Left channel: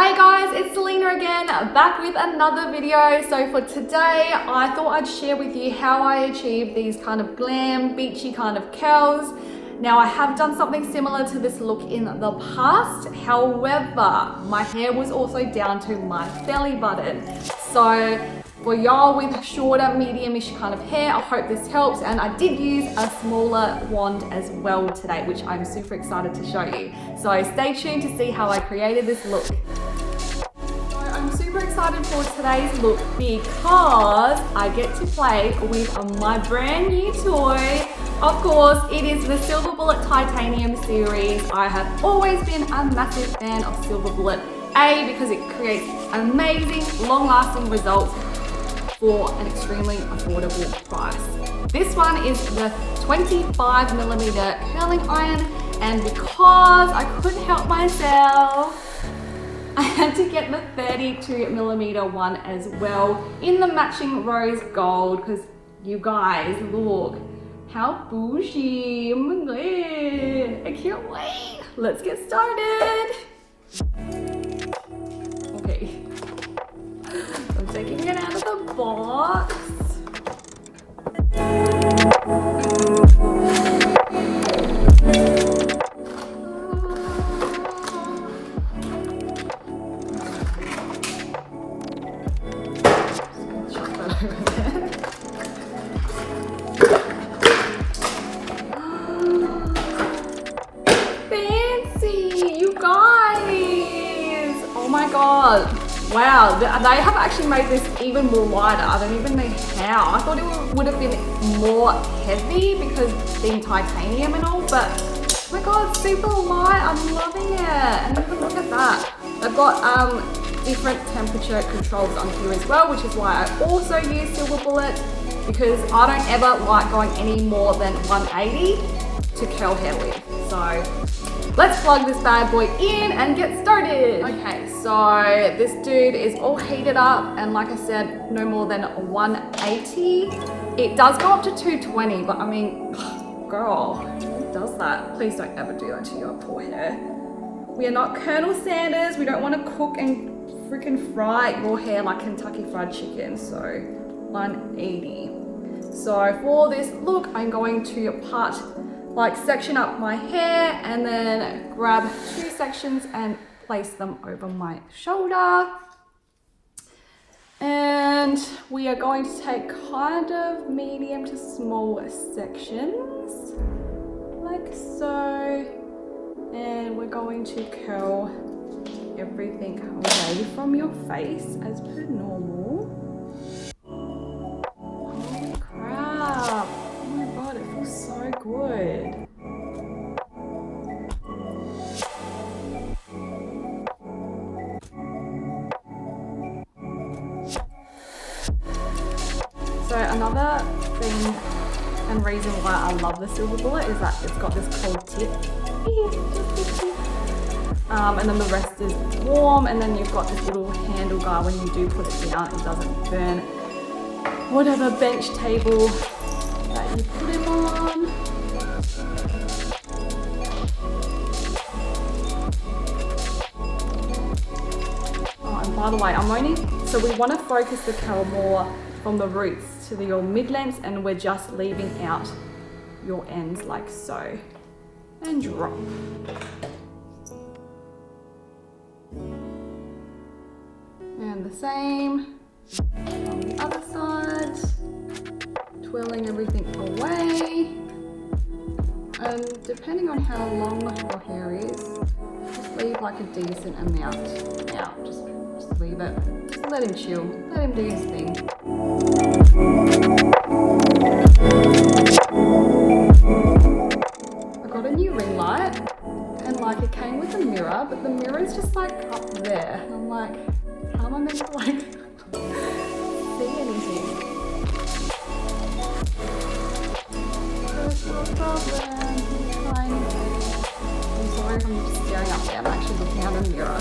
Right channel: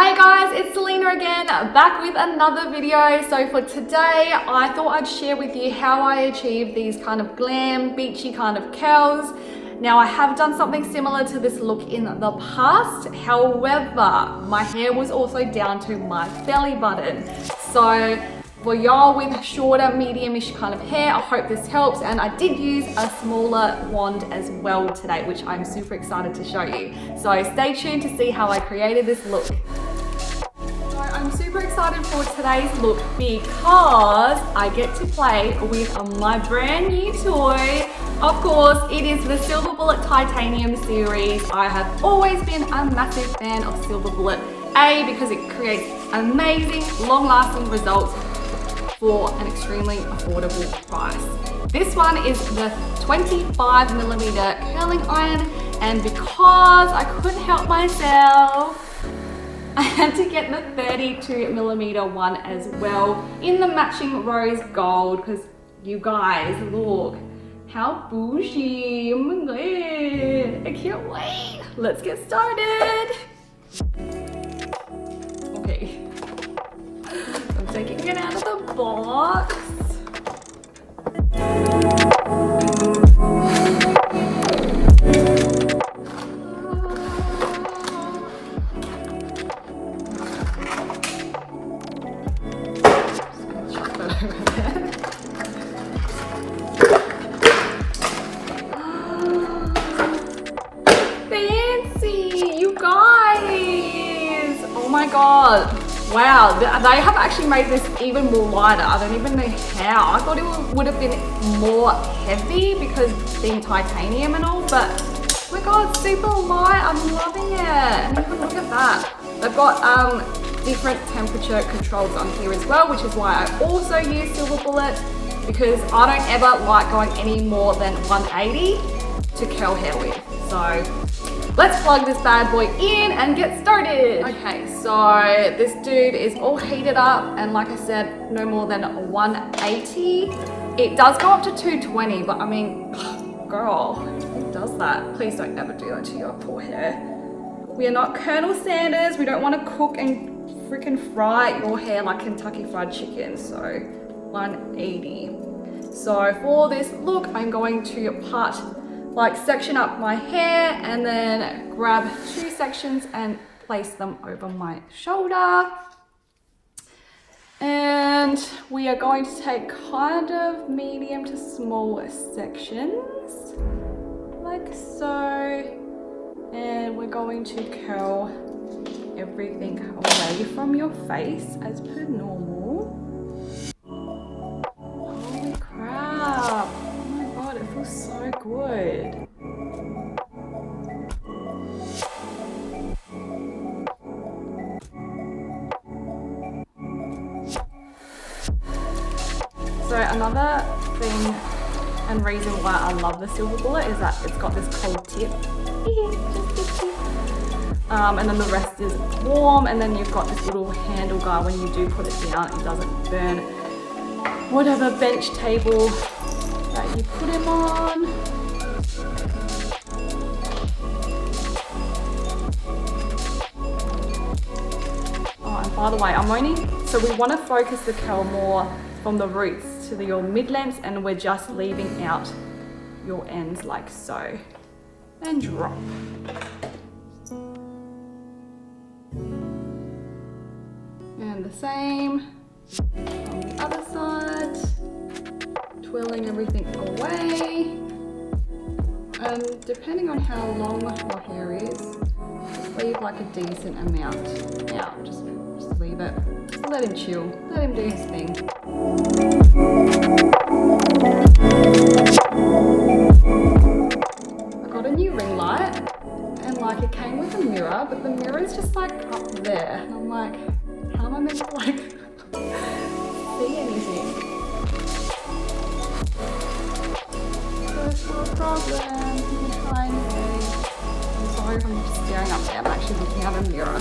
Hey guys, it's Selena again, back with another video. So for today, I thought I'd share with you how I achieved these kind of glam, beachy kind of curls. Now I have done something similar to this look in the past. However, my hair was also down to my belly button. So for y'all with shorter, medium-ish kind of hair, I hope this helps. And I did use a smaller wand as well today, which I'm super excited to show you. So stay tuned to see how I created this look. So I'm super excited for today's look because I get to play with my brand new toy. Of course, it is the Silver Bullet Titanium series. I have always been a massive fan of Silver Bullet. A, because it creates amazing, long-lasting results for an extremely affordable price. This one is the 25mm curling iron, and because I couldn't help myself, I had to get the 32mm one as well in the matching rose gold, because you guys, look how bougie. Oh my god, I can't wait. Let's get started. Okay, I'm taking it out of the box. Chuck that over there. Fancy, you guys! Oh my god. Wow, they have actually made this even more lighter. I don't even know how. I thought it would have been more heavy because being titanium and all, but oh my god, super light. I'm loving it. And even look at that. They've got different temperature controls on here as well, which is why I also use Silver Bullet, because I don't ever like going any more than 180 to curl hair with. So let's plug this bad boy in and get started. Okay, so this dude is all heated up, and like I said, no more than 180. It does go up to 220, but I mean, girl, who does that? Please don't ever do that to your poor hair. We are not Colonel Sanders. We don't want to cook and freaking fry your hair like Kentucky Fried Chicken. So 180. So for this look, I'm going to section up my hair and then grab 2 sections and place them over my shoulder. And we are going to take kind of medium to small sections, like so. And we're going to curl everything away from your face as per normal. Holy crap. Oh my god, it feels so good. So another thing and reason why I love the Silver Bullet is that it's got this cold tip. And then the rest is warm, and then you've got this little handle guy. When you do put it down, it doesn't burn whatever bench table that you put him on. Oh, and by the way, so we want to focus the curl more from the roots to your mid-lengths, and we're just leaving out your ends like so. And drop. And the same on the other side, twirling everything away. And depending on how long your hair is, just leave like a decent amount out. Just leave it. Just let him chill. Let him do his thing. I got a new ring light, and like it came with a mirror, but the mirror is just like up there. And I'm like, how am I meant to like see anything? First world problem. I'm gonna try anyway. I'm sorry if I'm just staring up there. I'm actually looking at a mirror.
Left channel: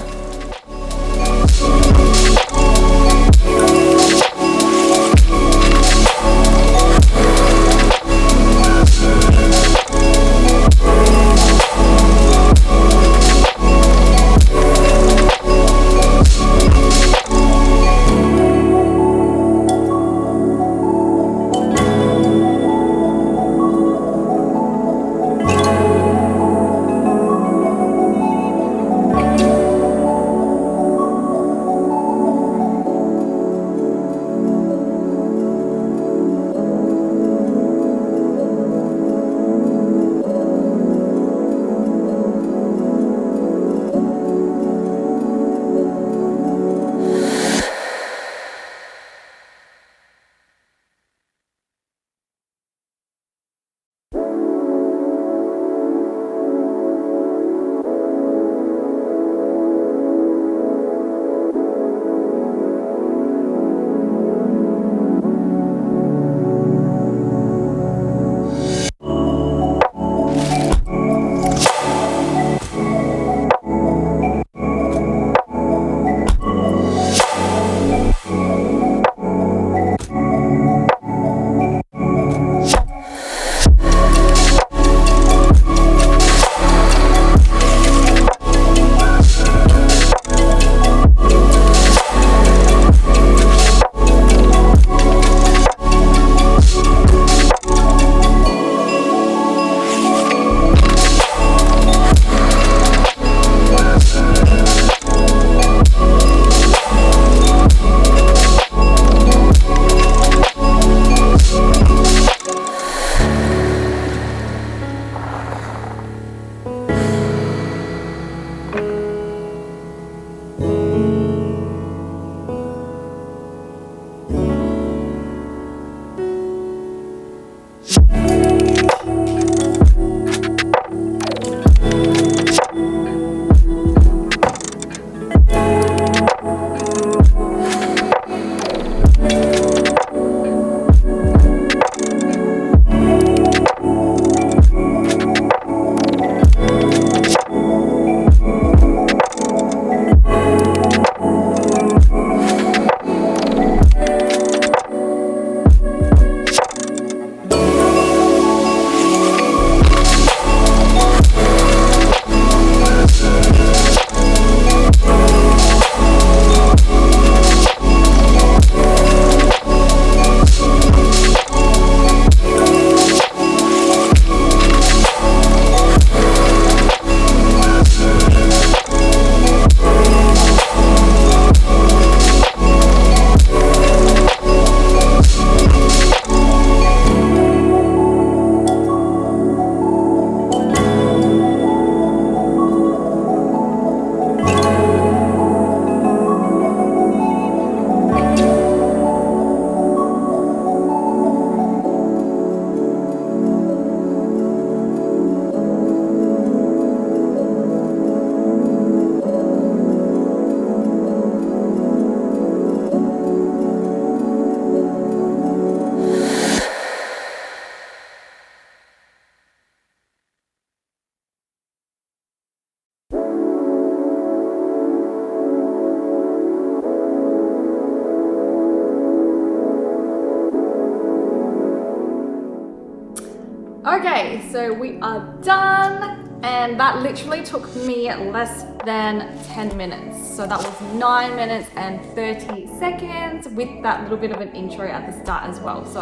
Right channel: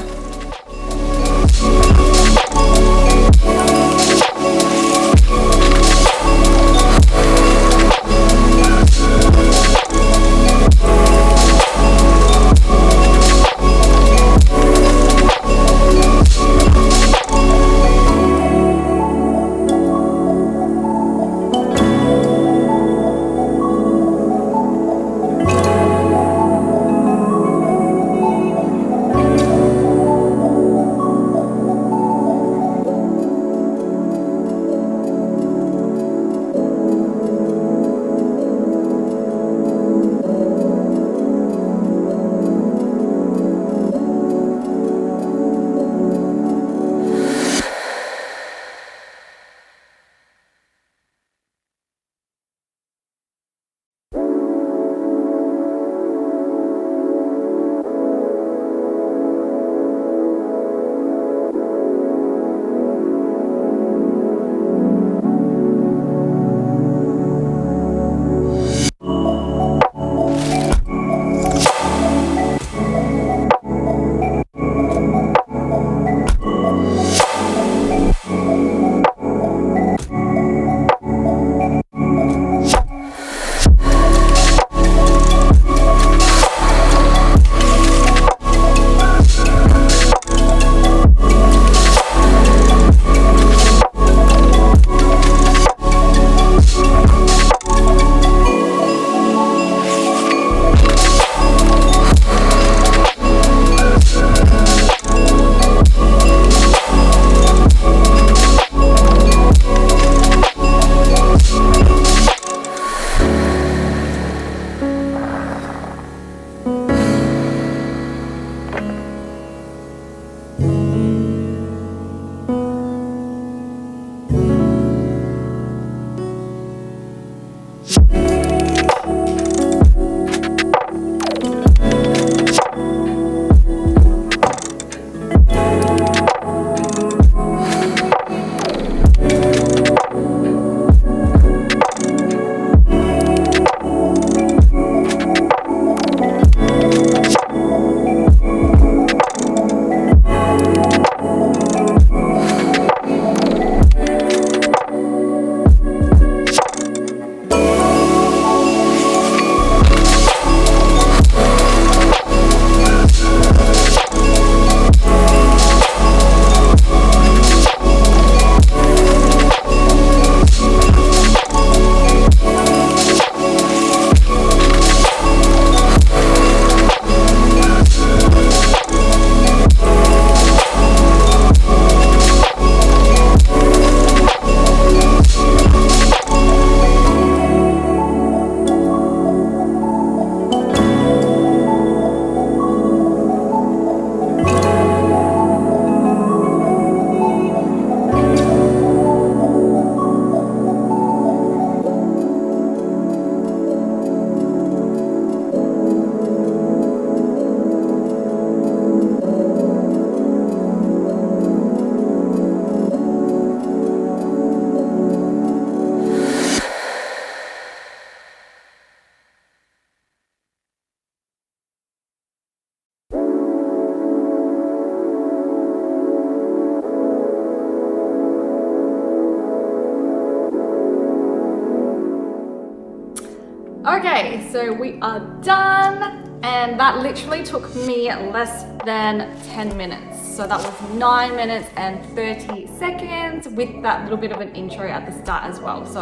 Okay, so we are done, and that literally took me less than 10 minutes. So that was 9 minutes and 30 seconds with that little bit of an intro at the start as well. So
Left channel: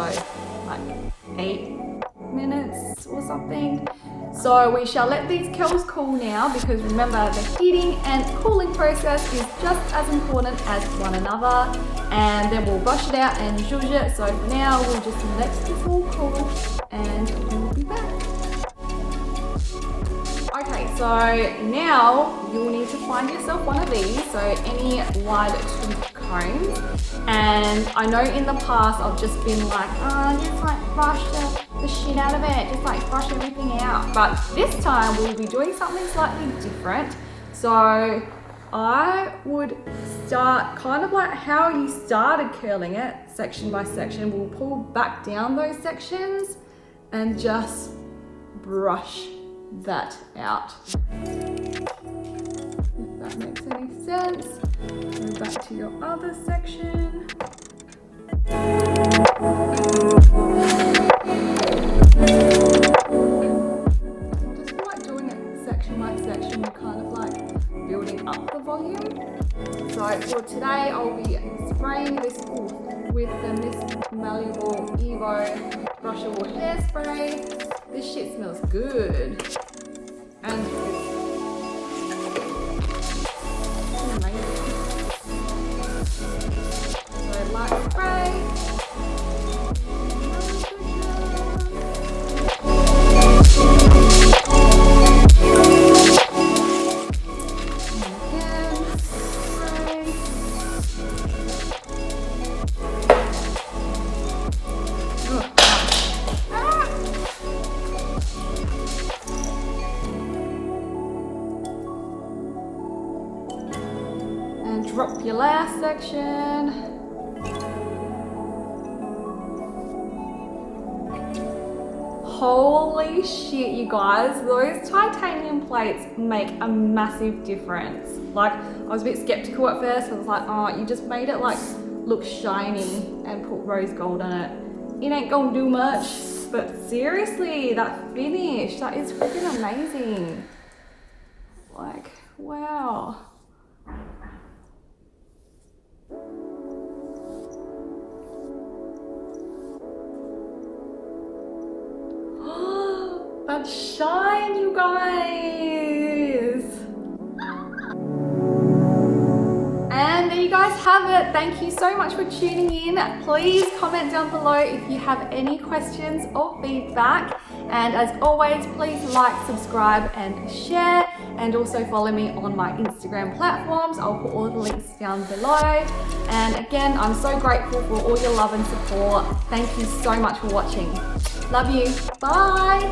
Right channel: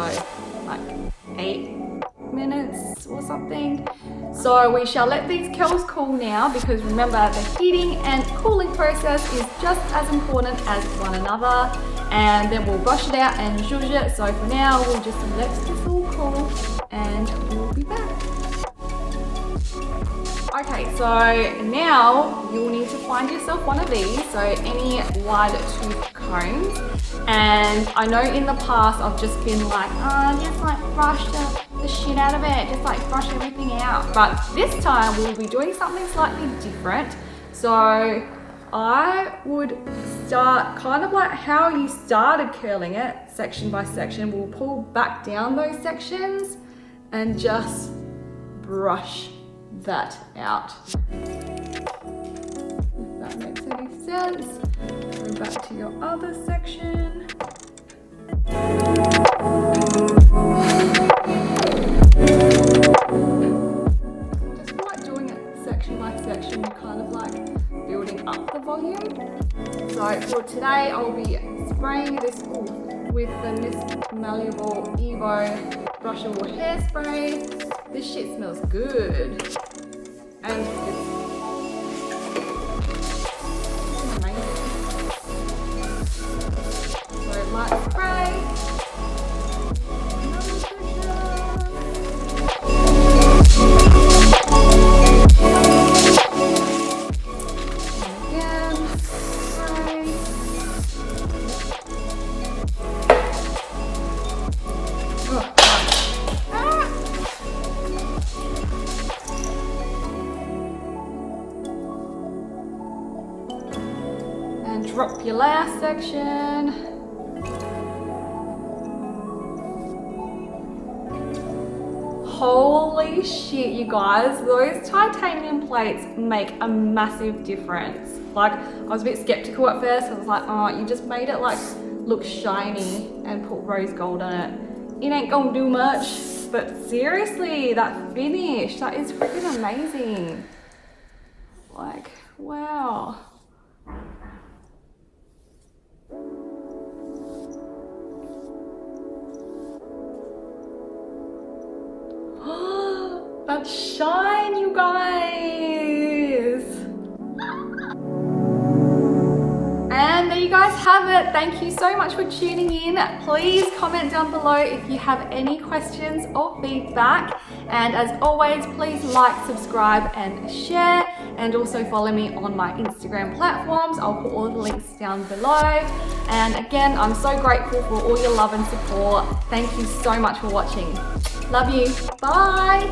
like 8 minutes or something. So we shall let these curls cool now, because remember, the heating and cooling process is just as important as one another. And then we'll brush it out and zhuzh it. So for now, we'll just let this all cool and we'll be back. Okay, so now you'll need to find yourself one of these, so any wide tooth combs. And I know in the past I've just been like, just like brush the shit out of it, just like brush everything out. But this time we'll be doing something slightly different. So I would start kind of like how you started curling it, section by section. We'll pull back down those sections and just brush that out. If that makes any sense. Go back to your other section. I just feel like doing it section by section, you're kind of like building up the volume. So for today, I'll be spraying this with the Miss Malleable Evo brushable hairspray. This shit smells good, and it's amazing. So light spray. Another section. And again, spray. And drop your last section. Holy shit, you guys, those titanium plates make a massive difference. Like, I was a bit skeptical at first. I was like, oh, you just made it like look shiny and put rose gold on it. It ain't gonna do much. But seriously, that finish, that is freaking amazing. Like, wow. That shine, you guys. And there you guys have it. Thank you so much for tuning in. Please comment down below if you have any questions or feedback. And as always, please like, subscribe and share. And also follow me on my Instagram platforms. I'll put all the links down below. And again, I'm so grateful for all your love and support. Thank you so much for watching. Love you. Bye.